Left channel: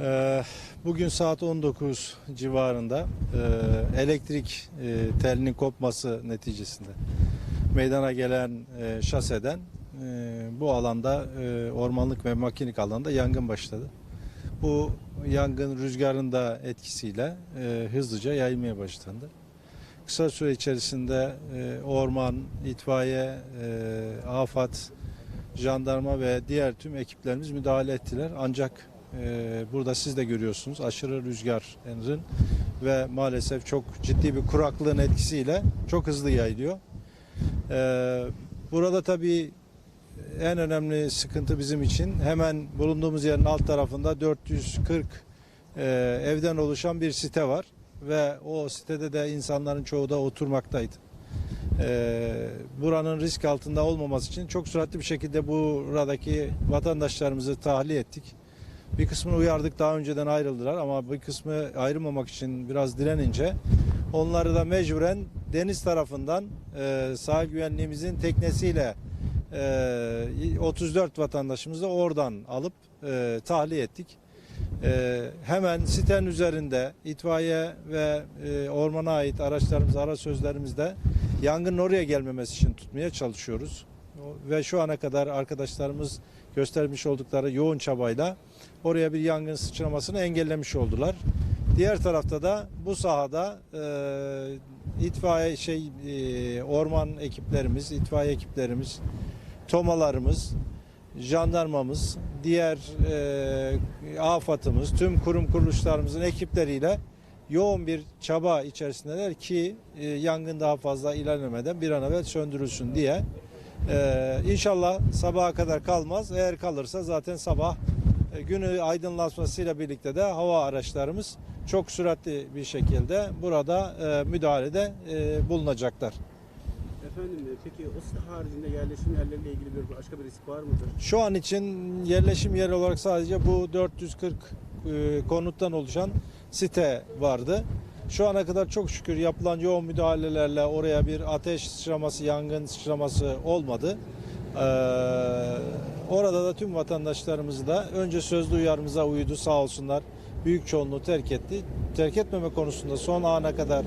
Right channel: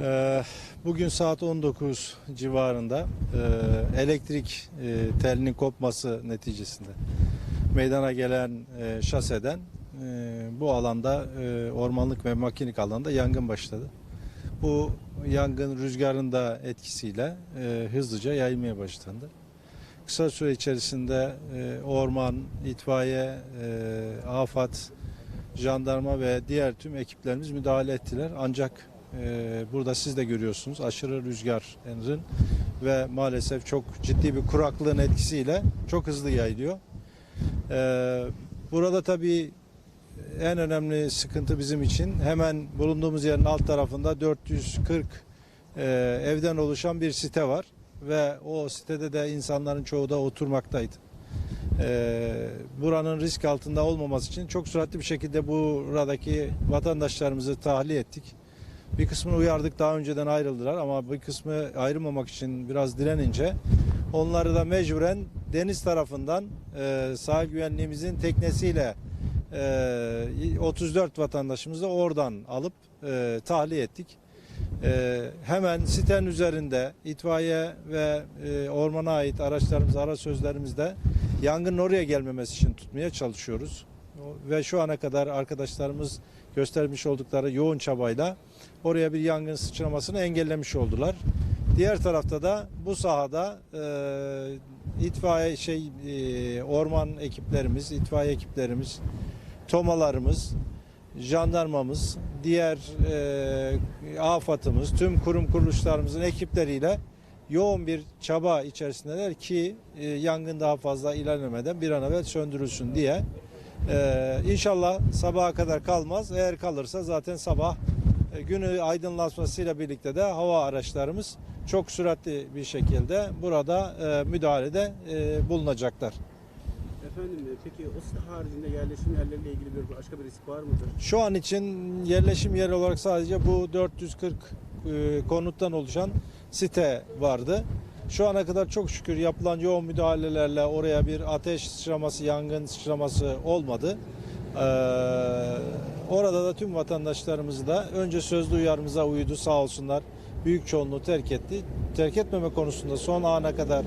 Ee, Bugün saat 19 civarında e, elektrik e, telinin kopması neticesinde meydana gelen şaseden bu alanda ormanlık ve makinik alanda yangın başladı. Bu yangın rüzgarın da etkisiyle hızlıca yayılmaya başlandı. Kısa süre içerisinde orman, itfaiye, afat, jandarma ve diğer tüm ekiplerimiz müdahale ettiler. Ancak e, burada siz de görüyorsunuz aşırı rüzgarın ve maalesef çok ciddi bir kuraklığın etkisiyle çok hızlı yayılıyor. E, burada tabii en önemli sıkıntı bizim için hemen bulunduğumuz yerin alt tarafında 440 e, evden oluşan bir site var ve o sitede de insanların çoğu da oturmaktaydı. E, buranın risk altında olmaması için çok süratli bir şekilde buradaki vatandaşlarımızı tahliye ettik. Bir kısmını uyardık daha önceden ayrıldılar ama bir kısmı ayrılmamak için biraz direnince onları da mecburen deniz tarafından e, sahil güvenliğimizin teknesiyle e, 34 vatandaşımızı da oradan alıp e, tahliye ettik. E, hemen sitenin üzerinde itfaiye ve e, ormana ait araçlarımız, ara sözlerimizde yangının oraya gelmemesi için tutmaya çalışıyoruz. Ve şu ana kadar arkadaşlarımız göstermiş oldukları yoğun çabayla oraya bir yangın sıçramasını engellemiş oldular. Diğer tarafta da bu sahada e, itfaiye şey e, orman ekiplerimiz, itfaiye ekiplerimiz, tomalarımız, jandarmamız, diğer e, afatımız, tüm kurum kuruluşlarımızın ekipleriyle yoğun bir çaba içerisindeler ki e, yangın daha fazla ilerlemeden bir an evvel söndürülsün diye. E, inşallah sabaha kadar kalmaz. Eğer kalırsa zaten sabah e, günü aydınlatmasıyla birlikte de hava araçlarımız çok süratli bir şekilde burada e, müdahalede e, bulunacaklar. Efendim e, peki o site haricinde yerleşim yerleriyle ilgili bir başka bir risk var mıdır? Şu an için yerleşim yeri olarak sadece bu 440 e, konuttan oluşan site vardı. Şu ana kadar çok şükür yapılan yoğun müdahalelerle oraya bir ateş sıçraması, yangın sıçraması olmadı. Ee, orada da tüm vatandaşlarımız da önce sözlü uyarımıza uydu sağ olsunlar. Büyük çoğunluğu terk etti. Terk etmeme konusunda son ana kadar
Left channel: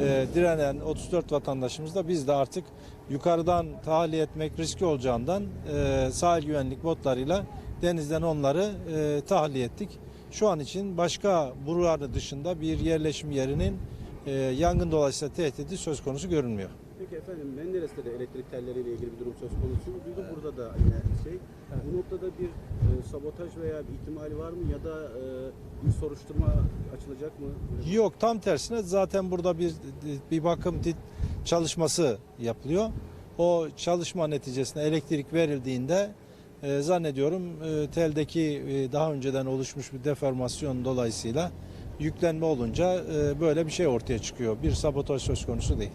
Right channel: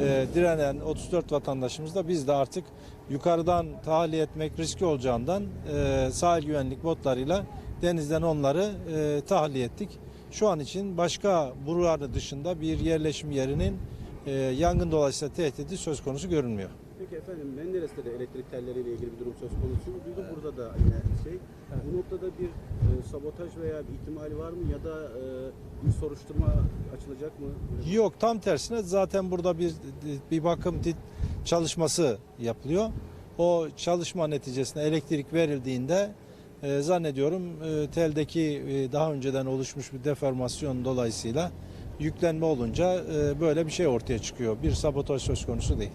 e, direnen 34 vatandaşımız da biz de artık yukarıdan tahliye etmek riski olacağından e, sahil güvenlik botlarıyla denizden onları e, tahliye ettik. Şu an için başka buranın dışında bir yerleşim yerinin e, yangın dolayısıyla tehdidi söz konusu görünmüyor. Peki efendim Menderes'te de elektrik telleriyle ilgili bir durum söz konusu. Duydum burada da yine şey. Bu noktada bir e, sabotaj veya bir ihtimali var mı ya da e, bir soruşturma açılacak mı? Yok tam tersine zaten burada bir bir bakım çalışması yapılıyor. O çalışma neticesinde elektrik verildiğinde e, zannediyorum e, teldeki e, daha önceden oluşmuş bir deformasyon dolayısıyla yüklenme olunca e, böyle bir şey ortaya çıkıyor. Bir sabotaj söz konusu değil.